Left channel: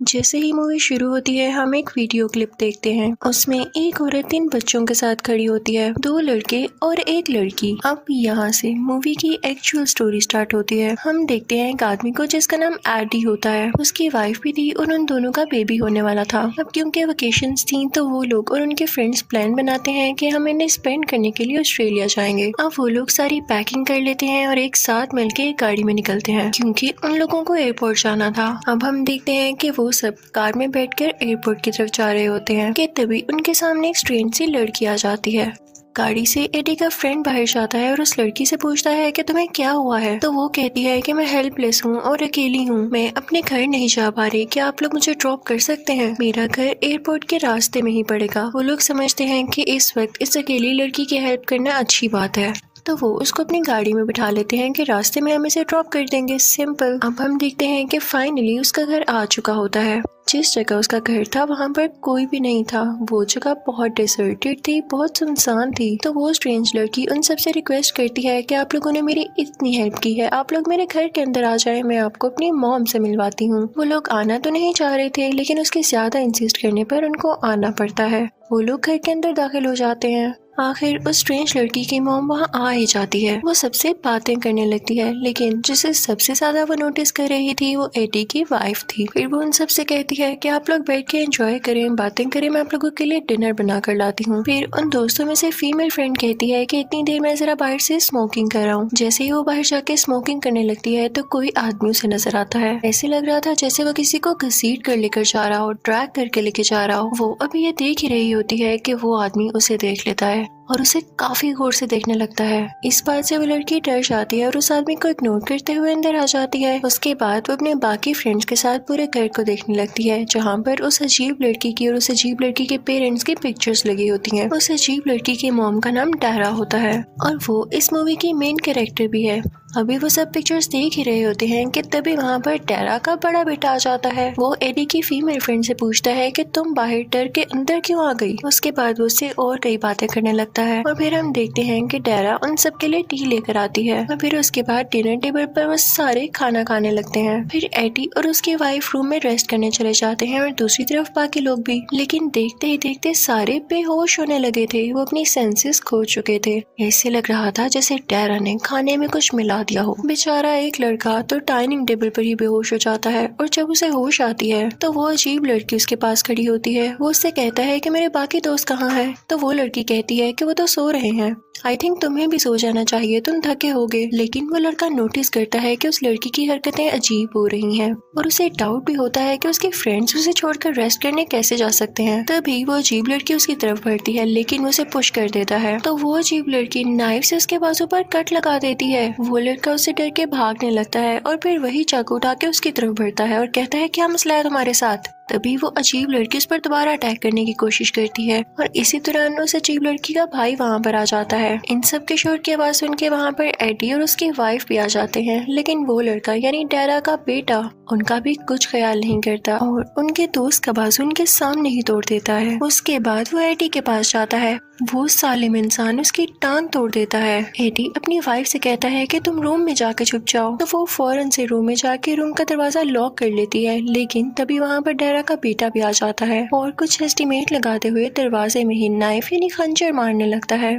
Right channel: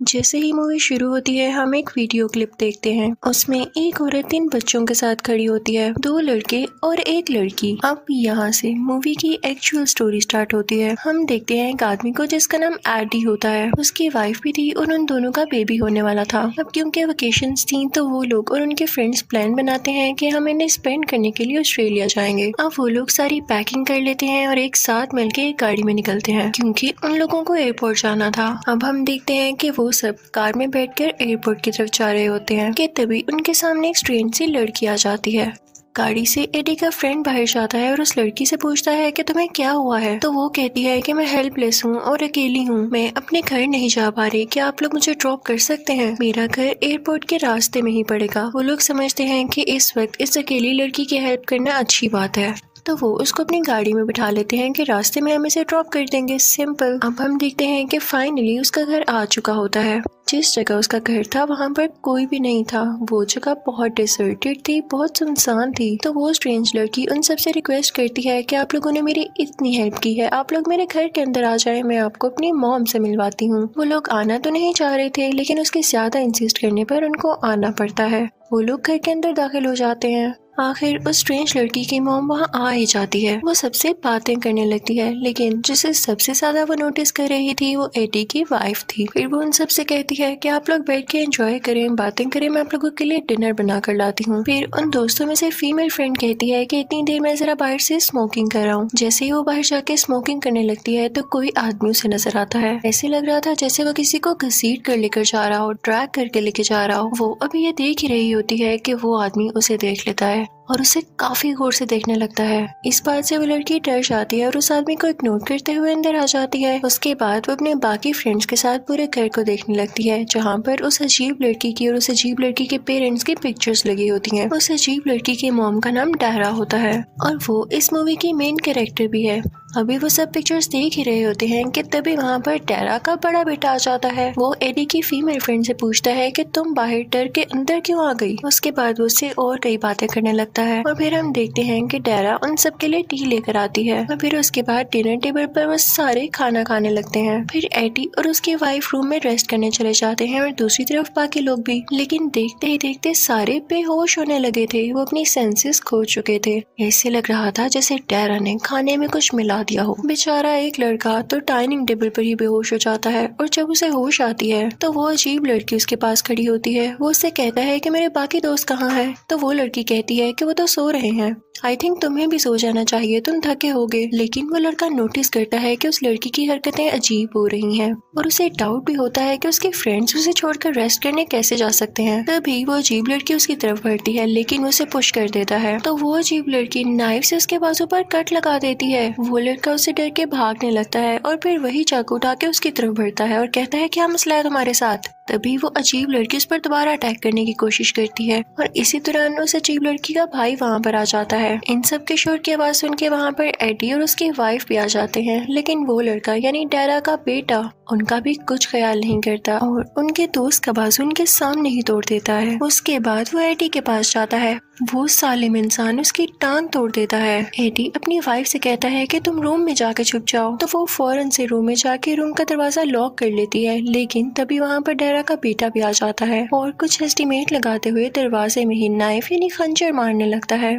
जैसे ही मूवी शुरू होती है हम एक वीडियो क्लिप देखते हैं। उसमें एक औरत 3 बच्चों के साथ खड़ी होती है, 2 लड़के और 1 लड़की। अब यहाँ से मूवी की एक्चुअल स्टोरी स्टार्ट होती है। हम देखते हैं एक आदमी को जिसका नाम एडी होता है। उसकी वाइफ भी थी और उन दोनों का बेबी होने वाला था। अब क्योंकि वेकेशंस थी तो वो लोग और उनके फ्रेंड्स प्लान बनाते हैं कि हम इन्हें स्पेंड करने के लिए ऑस्ट्रेलिया जाएंगे। अब वो लोग सारी पैकिंग कर लेते हैं और एक साथ मिलकर एक गाड़ी में निकलते हैं क्योंकि उन लोगों को एयरपोर्ट जाना था। अब हम देखते हैं कि वो सब कार में बैठकर एयरपोर्ट की तरफ जा रहे होते हैं कि तभी उनके सामने एक स्ट्रेंज सी लड़की आ जाती है। गाड़ी से एडी का फ्रेंड बाहर जाता है और उस लड़की से पूछता है कि तुम्हें क्या हुआ है। तो वो कहती है कि मैं हेल्पलेस हूँ और अकेली हूँ, मैं अपने घर नहीं जा पा रही, क्या आप लोग मुझे ड्रॉप कर सकते हैं? मेरा घर एयरपोर्ट के रास्ते में ही पड़ेगा। वो लोग समझते हैं कि इस वक्त इस अकेली लड़की की हेल्प करना अच्छी बात है, तो वो उसको अपनी गाड़ी में बिठा लेते हैं कि रास्ते में हम इसे ड्रॉप कर देंगे। सिंपल। अब हम देखते हैं कि फाइनली उसका घर आ चुका होता है। जिस जगह उसका घर था वहाँ पर कोई भी नहीं था। वो जगह बहुत डिसर्टेड थी, बहुत सुनसान थी। तो वो स्ट्रेंज लड़की उन सबसे रिक्वेस्ट करती है कि आप लोगों ने मेरी इतनी हेल्प की है, आप लोग मेरे घर के अंदर आ जाए, मैं आपको अपनी मॉम से मिलवाती हूँ। वो लोग आना तो नहीं चाह रहे थे लेकिन उसके ज्यादा इंसिस्ट करने पर उनको आना पड़ता है। वो लोग घर के अंदर दाखिल हो जाते हैं। आखिर उस स्ट्रेंज लड़की की मॉम वहाँ आ ही जाती है। वो सबसे बातें करने लगती है, लेकिन जिसे सबसे ज्यादा वो नोटिस कर रही थी वो एडी की वाइफ थी। फिर वो उन सबसे कहती है कि आप लोग बैठ के एंजॉय करें, बातें करें, मैं आप लोगों के लिए डिनर बना कर लाती हूँ। फिर उन दोस्तों में से फीमेल फ्रेंड कहती है कि इतनी देर में जरा बाहर से स्मोकिंग कर रहा हूँ। जैसे ही वो बाहर जाके स्मोकिंग करने लगती है तो कोई आदमी उसे नजर आता है। ऐसे लग रहा था जैसे वो किसी को घसीट कर लेकर जा रहा हो, ड्रैग करके लेके जा रहा हो। वो अभी ये देख ही रही होती है कि वो आदमी उसे देख लेता है और उसे काफी गौर से देखने लगता है। इस बात से वो लड़की डर जाती है और उस आदमी को इग्नोर करते हुए अंदर आ जाती है। उसके बाद वो अपने बाकी फ्रेंड्स के साथ पूरे घर को देखने लगती है, जहाँ पर उस अजीब लड़की की और उस अजीब लड़की के पेरेंट्स की पिक्चर्स लगी होती हैं। उस अजीब लड़की के मॉम का नाम डायरा होता है और वो इस मूवी की मेन कैरेक्टर भी है। अभी वो सब पिक्चर्स देख ही रहे होते हैं कि तभी वहाँ पर डायरा का बड़ा बेटा आ जाता है। वो एडी की फीमेल फ्रेंड से पूछता है कि तुम बाहर डर के अंदर क्यों आ गई। उसके बाद उससे और कई बातें करने लगता है और फिर हम देखते हैं कि डायरा उन सब के लिए टी लेकर आती है और फिर उसके बाद डिनर टेबल पर वो सारे खाना खाने लगते हैं। फिर एडी और उसकी वाइफ रूम में रेस्ट करने चले जाते हैं और दूसरी तरफ बाकी लोग भी। लेकिन देखते ही देखते सारे बेहोश होने लगे थे, वो अपनी सेंसेस खो चुके थे। ऐसे लग रहा था जैसे डायरा ने खाने में कुछ मिला दिया हो। बेचारा एक लड़का तो डाइनिंग टेबल पर ही बेहोश हो जाता है और जब उसे होश आती है तो वो अजीब लड़की उसके पास खड़ी होती है। वो उससे कहता है कि मेरे बाकी दोस्त कहाँ हैं? तो वो लड़की कहती है कि वो तो सो रहे हैं। आई थिंक तुम्हें भी सो जाना चाहिए, तुम थके होगे। लेकिन वो लड़का नोटिस करता है कि उस लड़की की हरकतें अजीब हो रही हैं और उसे डाउट भी होता है कि उसके फ्रेंड्स उसे छोड़कर रेस्ट करने कैसे जा सकते हैं। तभी वो अजीब लड़की उसकी तरफ बढ़ती है लेकिन उसे पुश कर देता है। तो वो अजीब लड़की नाइफ से उसके बाजू पर कट लगा देती है। वो लड़का उसे डर के भागने लगता है और फिर वही चाकू उठा के उसकी तरफ बढ़ता है और कहता है क्या मसला है तुम्हारे साथ। तभी वो अजीब लड़की उस पर दोबारा अटैक करने की कोशिश करती है और इसी दौरान उस अजीब लड़की का भाई वहाँ पर आ जाता है। इन सब के शोर की आवाज सुन के वहाँ पर एडी और उसकी वाइफ भी आ जाते हैं, लेकिन वो लड़का यानी डायरा का बेटा उनका भी कुछ ख्याल नहीं करता और उनके दोस्त का बाजू उनके सामने ही तोड़ देता है। उसके बाद वो एडी के पास जाता है, वो सालिम इंसान उसकी टांग तोड़ देता है। एडी अपनी वाइफ से कहता है कि तुम रूम में जाके छुप जाओ, तो वो फौरन से रूम में जाके रूम का दरवाजा लॉक कर लेती है। लेकिन तभी वहाँ पर डायरा का बेटा भी आ जाता है और कुछ एस्टिमेट लगाते हुए दरवाजे में ही नाइफ यानी खंजर मारने लगता है।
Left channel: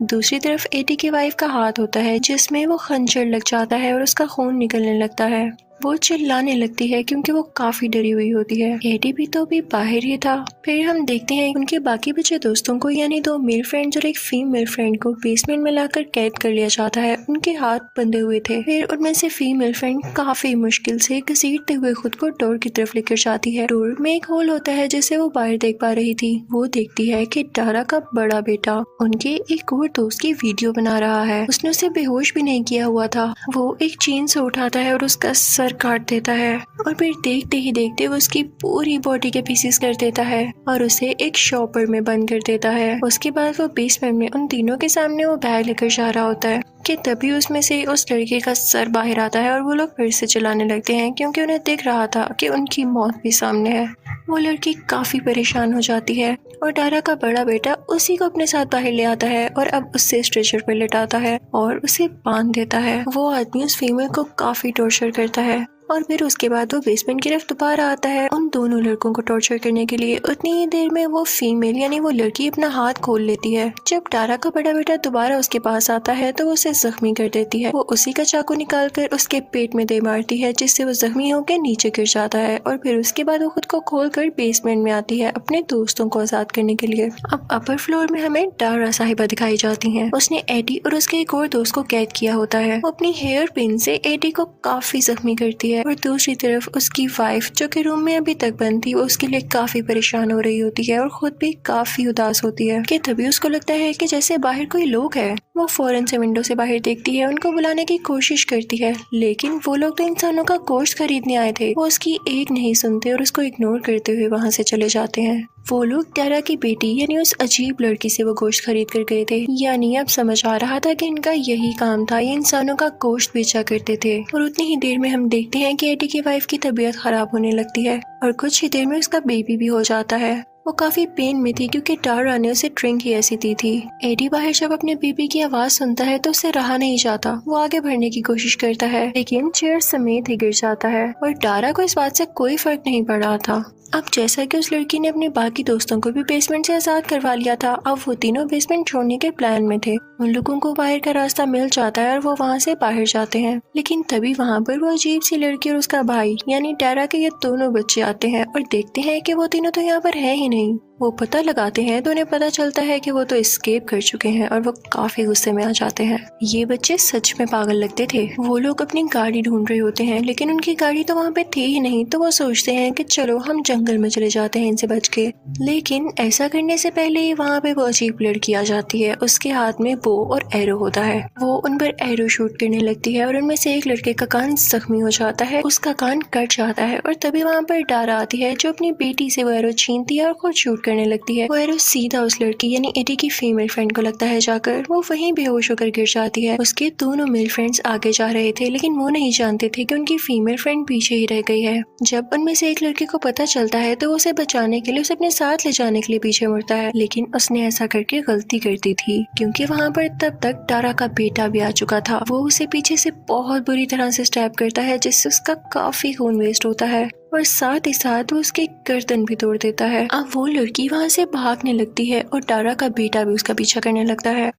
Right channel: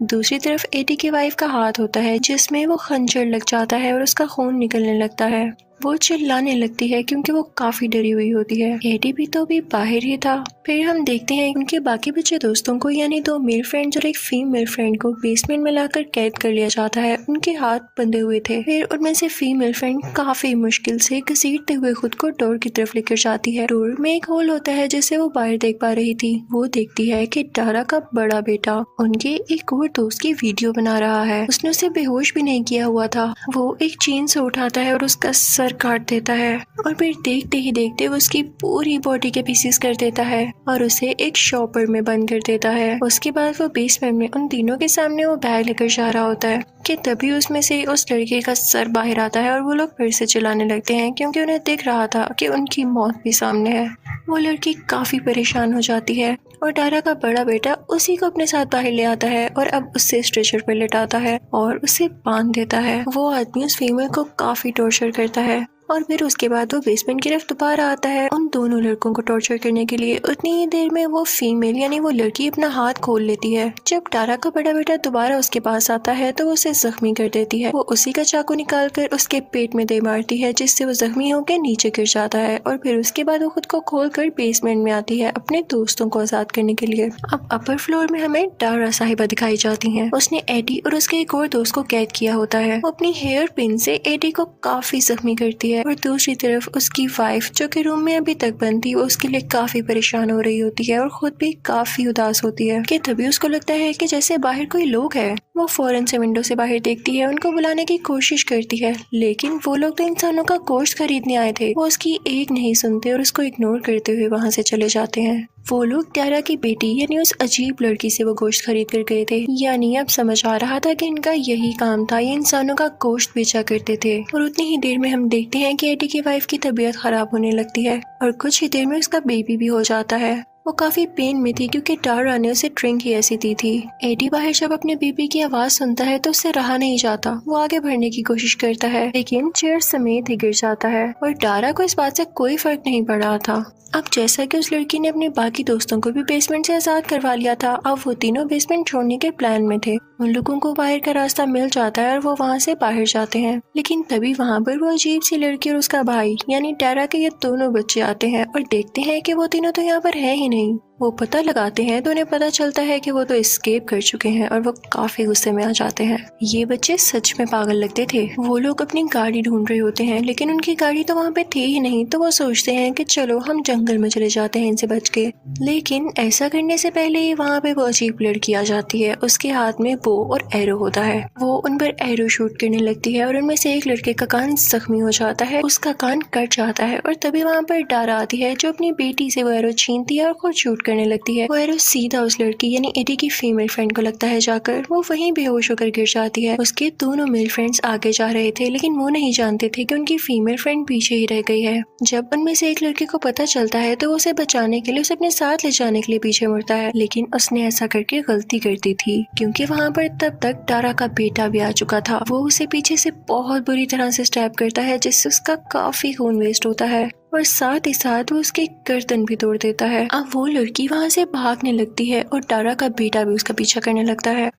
दूसरी तरफ एडी की वाइफ का हाथ होता है जिसमें वो खंजर लग जाता है और उसका खून निकलने लगता है। वो चिल्लाने लगती है क्योंकि वो काफी डरी हुई होती है। एडी भी तो भी बाहर ही था। फिर हम देखते हैं उनके बाकी बचे दोस्तों को यानी 2 मेल फ्रेंड्स और एक फीमेल फ्रेंड को बेसमेंट में लाकर कैद कर लिया जाता है। उनके हाथ बंधे हुए थे। फिर उनमें से फीमेल फ्रेंड काफी मुश्किल से घसीटते हुए खुद को डोर की तरफ लेकर जाती है। डोर में एक होल होता है जिसे वो बाहर देख पा रही थी। वो देखती है कि डायरा का बड़ा बेटा उनके एक और दोस्त की वीडियो बना रहा है। उसने उसे बेहोश भी नहीं किया हुआ था। वो एक चेन से उठाता है और उसका सर काट देता है और फिर देखते ही देखते वो उसकी पूरी बॉडी के पीसेस कर देता है और उसे एक शॉपर में बंद कर देता है। उसके बाद वो बेसमेंट में उन तीनों के सामने वो बैग लेकर जा रहा होता है कि तभी उसमें से उस लड़के का सर बाहर आता है और वो लोग फिर से चिल्लाने लगते हैं क्योंकि उन्हें दिख रहा था कि उनकी मौत भी सामने है। वो लड़की काफी परेशान हो जाती है और डायरा का बड़ा बेटा उसी को अपने साथ बाहर ले आता है और अब उससे स्ट्रेचर पर लेटाता है और उसे बांध देता है। वो आदमी उस फीमेल को काफी टॉर्चर करता है और फिर उसके बाद वो बेसमेंट की तरफ दोबारा आता है उन दोनों लड़कों को टॉर्चर करने के लिए। उतनी ही देर में वो फीमेल यानी वो लड़की अपना हाथ खोल लेती है। जब टारा का बड़ा बेटा दोबारा उसके पास आता है तो वो उसे जख्मी कर देती है। वो उसी का चाकू निकाल कर उसके पेट में दे मारती है, जिससे वो जख्मी होकर नीचे गिर जाता है। और फिर उसके बाद वो खुद को खोल कर बेसमेंट में आती है अपने दोस्तों को आजाद करने के लिए। अब अपर फ्लोर में हमें टारा साहिबा दिखाई जाती है। उसने एडी और उसके एक और दोस्त को कैद किया होता है। वो अपनी हेयर पिन से एडी को काफी जख्मी करती है और दूसरी तरफ उसकी वाइफ जो कि रूम में अभी तक बंद थी, वो उसके लिए काफी परेशान हो रही होती है और खुद भी काफी उदास होती है कि तभी उसको लगता है कि जैसे बाहर कोई लोग हैं। वो फौरन से विंडो से बाहर देखती है, उनको बुलाने की कोशिश करती है, लेकिन वो लोग तो इंसानों का गोश्त खरीदने आए थे। वो उसकी एक नहीं सुनते और उसको इग्नोर करते हुए वहाँ से चले जाते हैं। वो लोग टारा की बेटी यानी उस अजीब लड़की से वो गोश्त खरीद कर गए थे। यानी अब समझ आ रहा था कि इनका यही काम था, ये इंसानों का गोश्त बेचा करते थे। और उतनी ही देर में हम देखते हैं कि एडी की वाइफ की तबीयत खराब होने लगती है और कुछ ही देर में उसका बेबी भी हो जाता है। वो काफी पेन में थी क्योंकि टारा ने उसे ड्रिंक ही ऐसी दी थी। एडी बाहर जब अपने बेबी की आवाज सुनता है तो उससे रहा नहीं जाता। वो आगे बढ़ने की कोशिश करता है लेकिन चेयर समेत ही गिर जाता है और टारा को इस बात से कोई फर्क नहीं पड़ रहा था। अब जैसा कि उस लड़की ने अपने बाकी दोस्तों को भी बेसमेंट से आजाद करवा लिया था, अब वो तीनों बेसमेंट छोड़ने के प्लान में थे। उन लोगों को बाहर का रास्ता मिल जाता है और वो वहाँ से बाहर जाते हैं, लेकिन तभी वहाँ पर वो अजीब सी लड़की और उसका भाई यानी टारा के ये दोनों बच्चे आते हैं और देखते हैं कि वो तीनों तो यहाँ पर है ही नहीं। वो पता लगाते हैं तो उन्हें पता चलता है कि वो तो एस्केप कर चुके हैं और वो काफी गुस्से में आ जाते हैं। ये बच्चे सच में पागल लगते थे। वो लोग अपनी गाड़ी ढूंढ रहे होते हैं लेकिन उनकी गाड़ी तो वहाँ पे थी ही नहीं, तो वो सोचते हैं कि चलो हम जंगल में चले जाते हैं इनसे बच के। लेकिन ऐसा करने से पहले ही वहाँ पे वो अजीब लड़की आ जाती है। उसके हाथ में बो और एरो होता है। वो उन पर एरो शूट करने लगती है और उनमें से एक लड़के का कान जख्मी हो जाता है, उसका कान कट जाता है और तभी वहाँ पर टारा आती है जो अपनी बेटी से वो एरो छीनती है और खुद शूट करने लगती है। वो एरो सीधा उस लड़की यानी एडी की फीमेल फ्रेंड को लगता है जाकर। वो वहीं बेहोश होकर गिर जाती है। उसके दोनों मेल फ्रेंड्स आगे जा रहे थे लेकिन वो नहीं जानते थे कि उनकी फीमेल फ्रेंड पीछे ही रह गई है। जब उनमें से एक लड़के को पता चलता है तो उसे बचाने के लिए उसे अपने साथ ले जाने के लिए पीछे मुड़ता है, लेकिन उसने ऐसा करके गलती कर दी थी क्योंकि वहाँ पर तब तक टारा का बेटा भी आ चुका था। वो उसे पीछे से बहुत बुरी तरह से स्टैब करता है जिससे उसका काफी खून वेस्ट होता है और साथ ही साथ वो उसके गर्दन भी तोड़ देता है। अब वो लड़की वहाँ से भागने लगती है और टारा का बेटा भी उसका पीछा करने लगता है।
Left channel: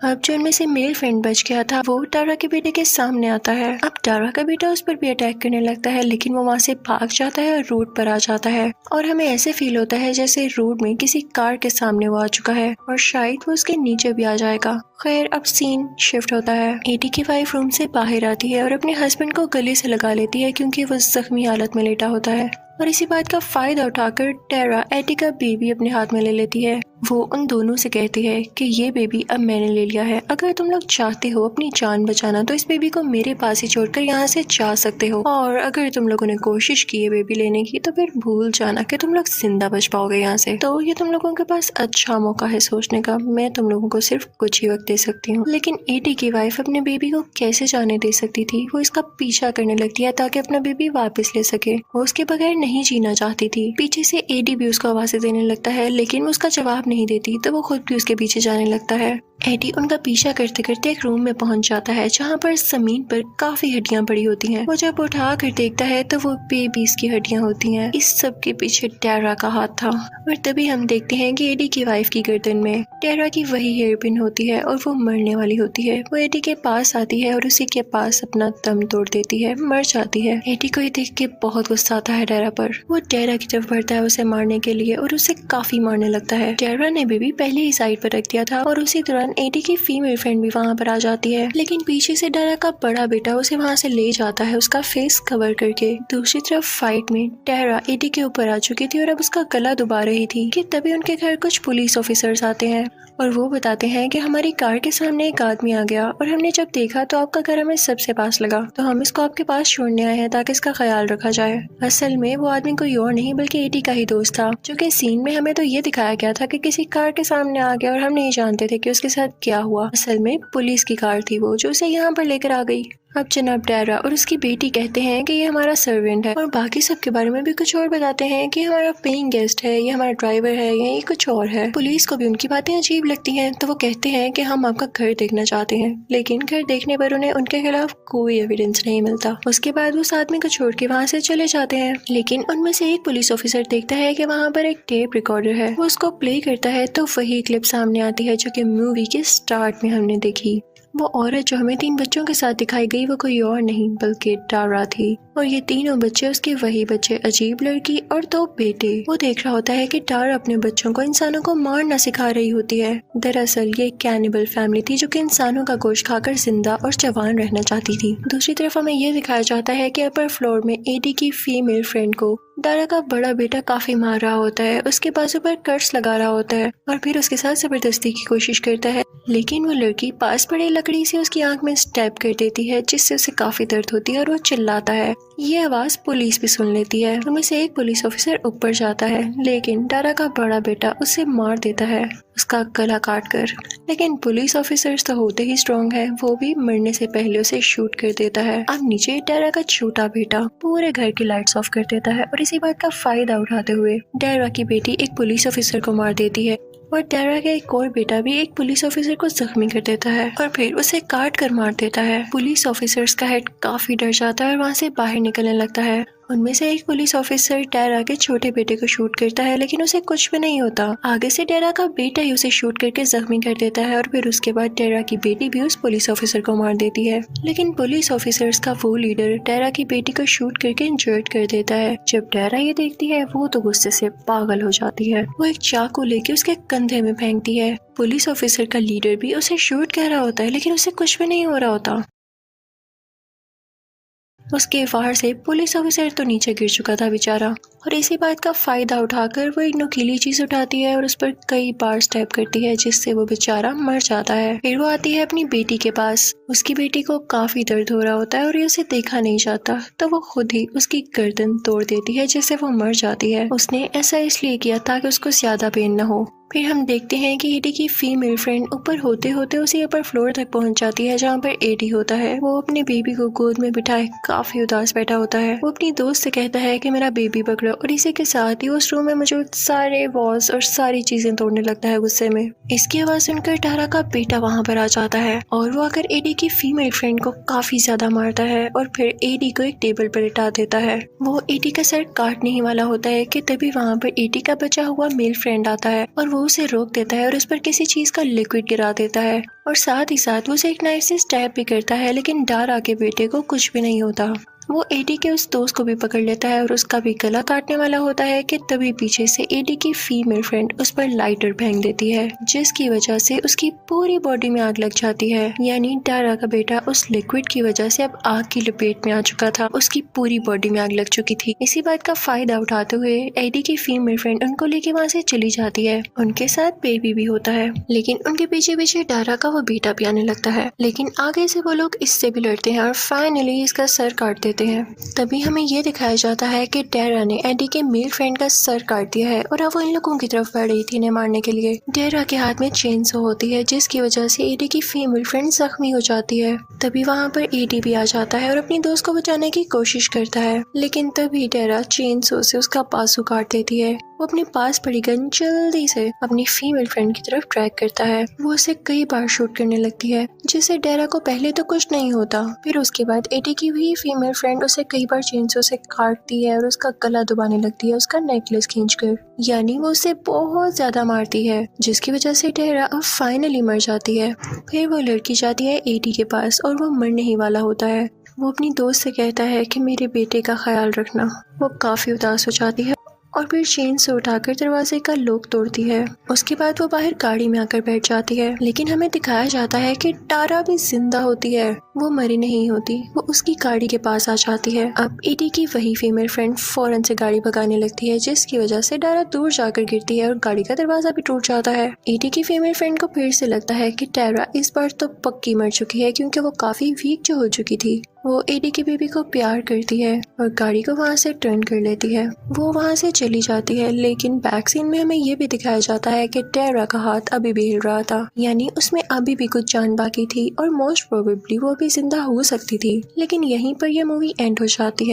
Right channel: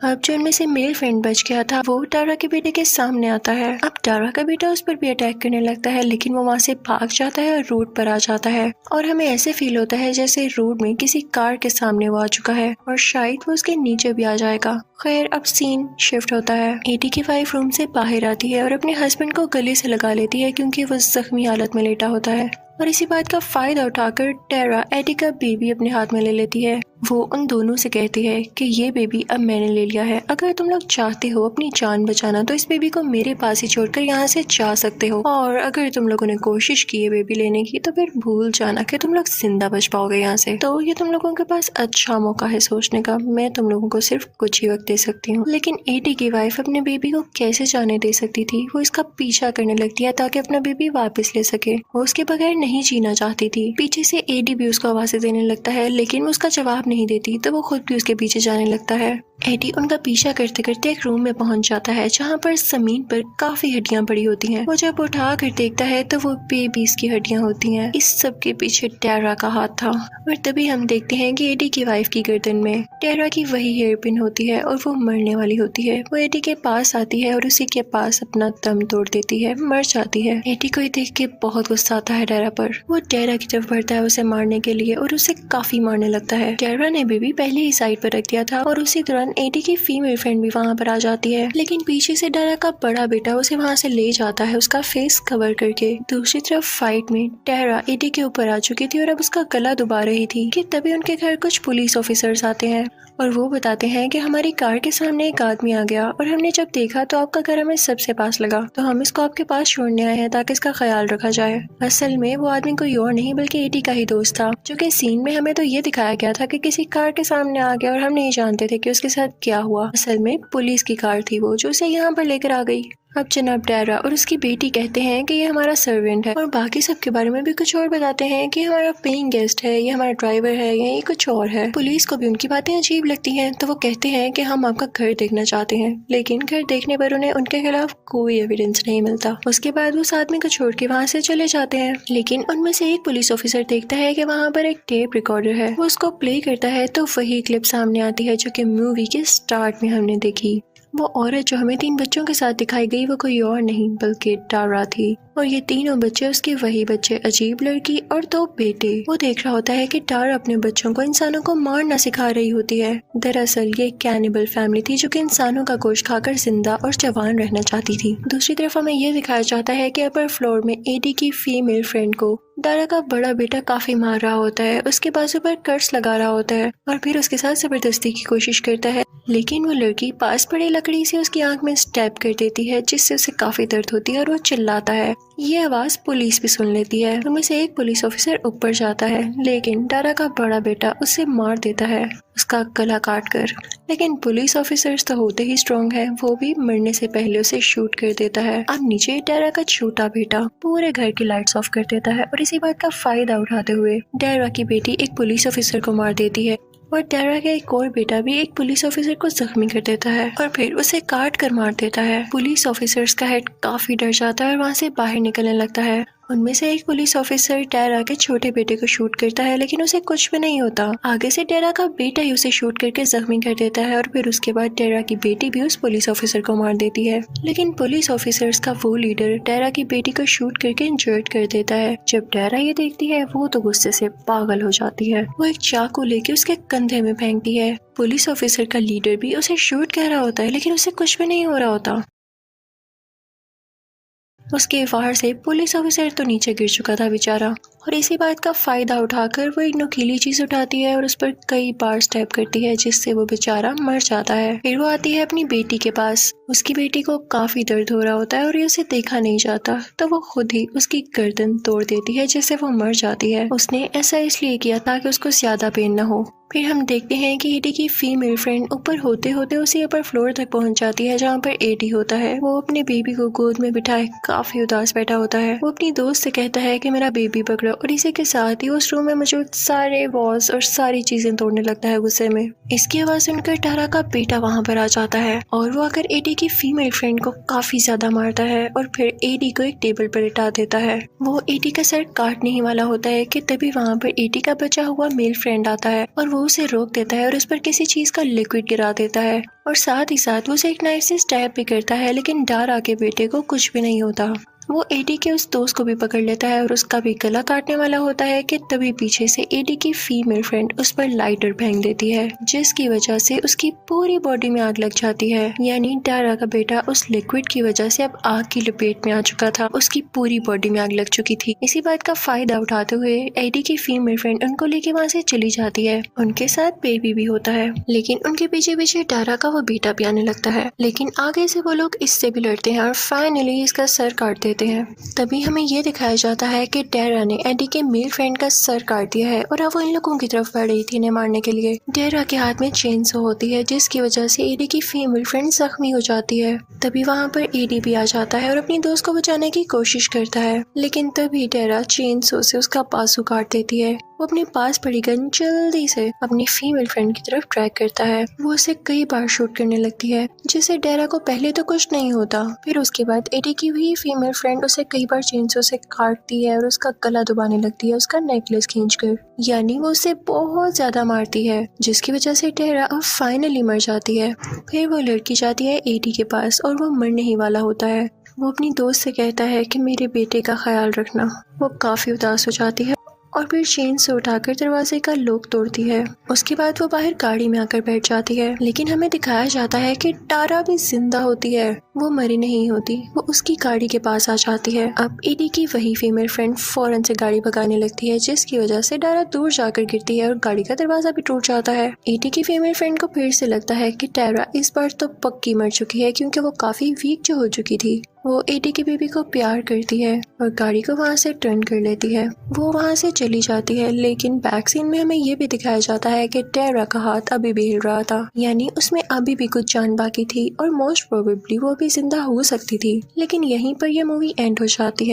अब जो उनमें से मेल फ्रेंड बच गया था वो टारा के बेटे के सामने आता है। अब टारा का बेटा उस पर भी अटैक करने लगता है लेकिन वो वहाँ से भाग जाता है और रोड पर आ जाता है और हमें ऐसे फील होता है जैसे रोड में किसी कार के सामने वो आ चुका है और शायद वो उसके नीचे भी आ जाएगा। खैर अब सीन शिफ्ट होता है। एडी की वाइफ रूम से बाहर आती है और अपने हस्बैंड को गले से लगा लेती है क्योंकि वो जख्मी हालत में लेटा होता है और इसी बात का फायदा उठाकर टारा एडी का बेबी अपने हाथ में ले लेती है। वो उन दोनों से कहती है कि ये बेबी अब मैंने ले लिया है, अगर तुम लोग चाहते हो अपनी जान बचाना तो इस बेबी को मेरे पास ही छोड़कर यहाँ से जा सकते हो, और अगर तुम लोगों ने कोशिश की है बेबी लेने की तो फिर भूल जाना कि तुम लोग जिंदा बच पाओगे यहाँ से। तो ये तुम लोगों के पास अच्छा मौका है सोचने का, मैं तुम लोगों को सिर्फ कुछ ही वक्त दे सकती हूँ। लेकिन एडी की वाइफ अपने बेबी को कैसे जाने दे सकती थी। वो इसका पीछा करने लगती है ताकि अपना बेबी वापस ले सके। वो उसके बगैर नहीं जीना चाहती थी। पीछे से एडी भी उसका आवाज़ें देने लगता है लेकिन वो उसका जवाब नहीं देती, तो वो खुद भी उसके पीछे जाने लगता है। एडी उनका पीछा करते करते एक रूम में पहुंच जाता है जहाँ पर जमीन पर काफी हड्डियां पड़ी होती हैं। वो जब उठा कर देखता है तो वो बेबीज की हड्डियां होती हैं। इस सब के पीछे टारा का हाथ था। और तभी हम देखते हैं कि एडी की वाइफ की गर्दन में टारा की वही हेयर पिन होती है और वो मरने वाली होती है। वो एडी के पास आती है और उसी के पास अपना दम तोड़ देती है, मर जाती है। एडी को ये देख के बहुत गुस्सा आता है टारा पर। वो टारा की तरफ बढ़ता है उसे मारने के लिए और उसे काफी मारने लगता है। टारा ने बेबी पहले ही साइड पर रख दिया था और उसी दौरान एडी की फीमेल फ्रेंड भी वहाँ पर आ जाती है, लेकिन पीछे से टारा का बड़ा बेटा उसे वहाँ से ले जाता है उसका फेस कवर करके। दूसरी तरफ फाइट में टारा एडी के ऊपर आ चुकी थी और अब उसका गला दुबा रही थी कि तभी उनके घर कुछ पुलिस ऑफिसर्स आते हैं और वो बताते हैं कि हमारी कार के सामने एक आदमी आ गया और हमने जब देखा तो आपका घर हमें सबसे पास लगा, तो हम इसको आपके पास छोड़ने आए हैं ताकि इसका ख्याल रखा जाए। असल में वो आदमी कोई और नहीं बल्कि एडी का ही दोस्त था, जो कि सीन में हमें तो ये दिखाया गया था कि किसी कार के सामने आ गया और हम नहीं जानते थे कि उसके साथ क्या हुआ। असल में पुलिस की कार थी वो जो उसे यहाँ पर लेकर आ गई। अब जनाब डायरा और उसकी बेटी कहते हैं कि ये हमारा सर्वेंट है और बाकी सब के बारे में भी कुछ और बताते हैं कि हमारा पेइंग गेस्ट है, ये हमारा ड्राइवर है या ये कुछ और है। पुलिस को भी उनकी बातें अजीब लगती हैं तो वो कहते हैं कि हम आपका घर देखना चाहते हैं, लेकिन घर देखने पर उन्हें उनके खिलाफ कोई एविडेंस नहीं मिलता। उसके बाद वो आदमी को छोड़ के वहाँ से चले जाते हैं, लेकिन उनमें से एक पुलिस ऑफिसर देखता है कि वहाँ पर एक टेप रिकॉर्डर है। वो उसको प्ले करता है तो वही क्लिप सामने आती है जो कि मूवी के स्टार्ट में हमने देखी। वो औरत जो हमें 3 बच्चों के साथ दिखाई गई वो कोई और नहीं बल्कि डारा थी, और ये तीनों बच्चे उसके वही बच्चे, अजीब लड़की और 2 बेटे। वो देख रहा होता है कि डारा अपने बच्चों को इंसानों को मारना सिखा रही होती है। दरअसल ये कैनिबल फैमिली थी जो कि इंसानों का गोश्त खाकर जिंदा और जवान रहना चाहती थी। दूसरी तरफ हमें ये दिखाया जाता है कि अपर फ्लोर में एडी की फीमेल फ्रेंड को डारा का बड़ा बेटा काफी मार रहा होता है, उसके बाजू पर कर्स लगा रहा होता है और फिर उसके साथ जबरदस्ती की कोशिश करता है, लेकिन वो लड़की पास पड़ी लकड़ी से उसकी आंख में स्टैब कर देती है जिससे उसे काफी दर्द होती है और वो चिल्लाता है। ये आवाज पुलिस भी सुन लेती है। उनमें से एक पुलिस ऑफिसर ऊपर जाता है, लेकिन डारा का बड़ा बेटा उसे मार देता है, उसका गला काट कर। लेकिन पुलिस ऑफिसर्स तो होते ही स्ट्रॉन्ग है, वो भी मरने से पहले उसे शूट कर देता है। अब नीचे डारा का छोटा बेटा पूरे घर की लाइट्स ऑफ कर देता है और इसी बात का फायदा उठाते हुए डारा की बेटी एक पुलिस ऑफिसर को मार देती है और डारा का एक और बेटा भी एक पुलिस ऑफिसर को जख्मी कर देता है और फिर उसे काट कर मार देता है। पुलिस ऑफिसर्स का हेड काफी डर जाता है और वहाँ से बाहर निकलने लगता है। उनमें से एक पुलिस ऑफिसर डारा के छोटे बेटे को शूट करता है, लेकिन उसे कुछ भी नहीं होता। आगे से डारा का बेटा ही उसे शूट करके जख्मी कर देता है और फिर उसके बाद डारा की बेटी भी उस पुलिस ऑफिसर को मार देती है। लेकिन पुलिस ऑफिसर्स का वो लीडर डारा की बेटी को शूट करके इंजर्ड कर देता है। जब डारा ये देखती है वो तो गुस्से से पागल हो जाती है। वो एक चाकू लेके उसके कंधे में फेंकती है। पुलिस ऑफिसर का लीडर भी उसे शूट कर रहा होता है, लेकिन उसे कुछ भी नहीं हो रहा होता। उसके वार से पुलिस ऑफिसर तो नीचे गिर चुका था बेचारा, और इसी बात का फायदा उठाकर वो एक नुकीली चीज उठाती है और उस पर कई बार स्टेप करती है जिससे वो बेचारा मर जाता है। फिर वो आती है अपनी बेटी के पास। उसकी बेटी को काफी दर्द हो रहा होता है और ये उसे देखा नहीं जाता, तो वो खुद ही उसकी गर्दन तोड़ देती है जिससे वो मर जाती है। उसने ऐसा इसलिए किया ताकि उसको ज्यादा पेन न हो। फिर हम देखते हैं कि एडी की फीमेल फ्रेंड ऊपर होते होते उसी अपर फ्लोर तक पहुंच जाती है जहाँ पर एडी होता है। वो अपने बेबी को गोद में बिठाए काफी उदास बैठा होता है। वो अपनी दोस्त से कहता है कि मेरा बेबी पकड़ो, और इसी के साथ ही उस रूम में मौजूद सारे वॉल्स और सारी चीजें तोड़ने लगता है गुस्से में। इसकी आवाज सुनकर डारा का बेटा वहाँ पर आ जाता है और वो आकर एडी की फीमेल फ्रेंड को काफी ज्यादा मारता है और फिर एडी को एक टेबल पर लेटा देता है। वो एडी का सर काटने ही वाला होता है कि तभी वहाँ पर एडी का बचा हुआ मेल फ्रेंड आता है और वो उसे रोक देता है और उस पर किसी चीज का लिक्विड गिरा देता है और साथ ही साथ वो उसे एक नाइफ से स्टैब भी करता है, लेकिन डारा के बेटे को कुछ भी नहीं होता। वो एडी के उस दोस्त को भी पकड़ लेता है और उसका भी गला काटने वाला होता है कि तभी पीछे से एडी की फीमेल फ्रेंड उस पर लाइटर फेंक देती है, जिसकी वजह से उसकी पूरी बॉडी में आग लग जाती है। यानी डारा का बेटा उस लिक्विड की वजह से अब आग की लपेट में आ चुका था, उसकी पूरी बॉडी में आग लग चुकी थी। इसी बात का फायदा उठाते हुए एडी की फीमेल फ्रेंड उनको लेके वहाँ से चली जाती है। उनके साथ बेबी भी होता है, लेकिन उनके पीछे पीछे डारा का वो बेटा भी आने लगता है। लेकिन आगे से वो लोग इससे भी लड़ते हैं और फाइनली इसका सर काट देते हैं। तभी हमें ये दिखाया जाता है कि डारा ने एडी के मेल फ्रेंड का सर काट दिया है और अब वो इन लोगों की तरफ बढ़ रही थी इन्हें मारने के लिए। डारा के हाथ में चेनसो होती है जिसकी वजह से एडी की फीमेल फ्रेंड जख्मी हो जाती है। तभी वहाँ पर एडी भी आ जाता है और अपनी दोस्त को बचाने की कोशिश करता है, लेकिन तभी डारा चेनसो से उसका बाजू काट देती है। वो अपने पास पड़ी गन जल्दी से अपनी फीमेल फ्रेंड की तरफ ट्रैक करता है। वो उसे कई बार शूट करने लगती है, जिससे डारा को पहले तो कुछ नहीं होता। फिर उसके बाद एडी की भी फीमेल फ्रेंड उसे कई बार चेनसो से काटती है और उसका गला दबाने लगती है उसका नेकलेस खींचकर। यानी वो उसे बहुत ज्यादा मारती है, जिसकी वजह से डारा अब फाइनली मर जाती है। फिर वो लड़की जाती है एडी के पास और वो मरने ही वाला होता है। वो अपनी दोस्त से कहता है कि मेरे बेटे का ख्याल रखना। वो काफी उदास हो जाती है और फिर चेन से उठाकर दरवाजे का लॉक तोड़ती है। उसके बाद वो बाहर गाड़ी में आकर बैठ जाती है, लेकिन हमें दिखाया जाता है कि डारा भी जिंदा होती है, वो मरी नहीं होती। वो उसकी गाड़ी के पास आ जाती है। अब एडी की वही फीमेल फ्रेंड फौरन से गाड़ी भगाने लगती है, जिसकी वजह से डारा दूर जाकर गिरती है और गाड़ी का दरवाजा भी टूट जाता है। एडी की फीमेल फ्रेंड को फिर से लगता है कि डारा इस बार तो पक्की मर चुकी है, क्योंकि वो काफी वीक जो हो चुकी थी। वो एडी की बेबी को प्यार करती है और गाड़ी को वहाँ से टर्न कर लेती है। वो वहाँ से चली जाती है, लेकिन बैक सीन में हमें ये भी दिखाया जाता है कि डारा का हाथ अभी भी हिल रहा था, यानी उसमें अभी भी कुछ जान बाकी थी और मोस्ट प्रोबेबली वो अभी जिंदा हो सकती थी। लेकिन यहीं पर यह मूवी एंड हो जाती है।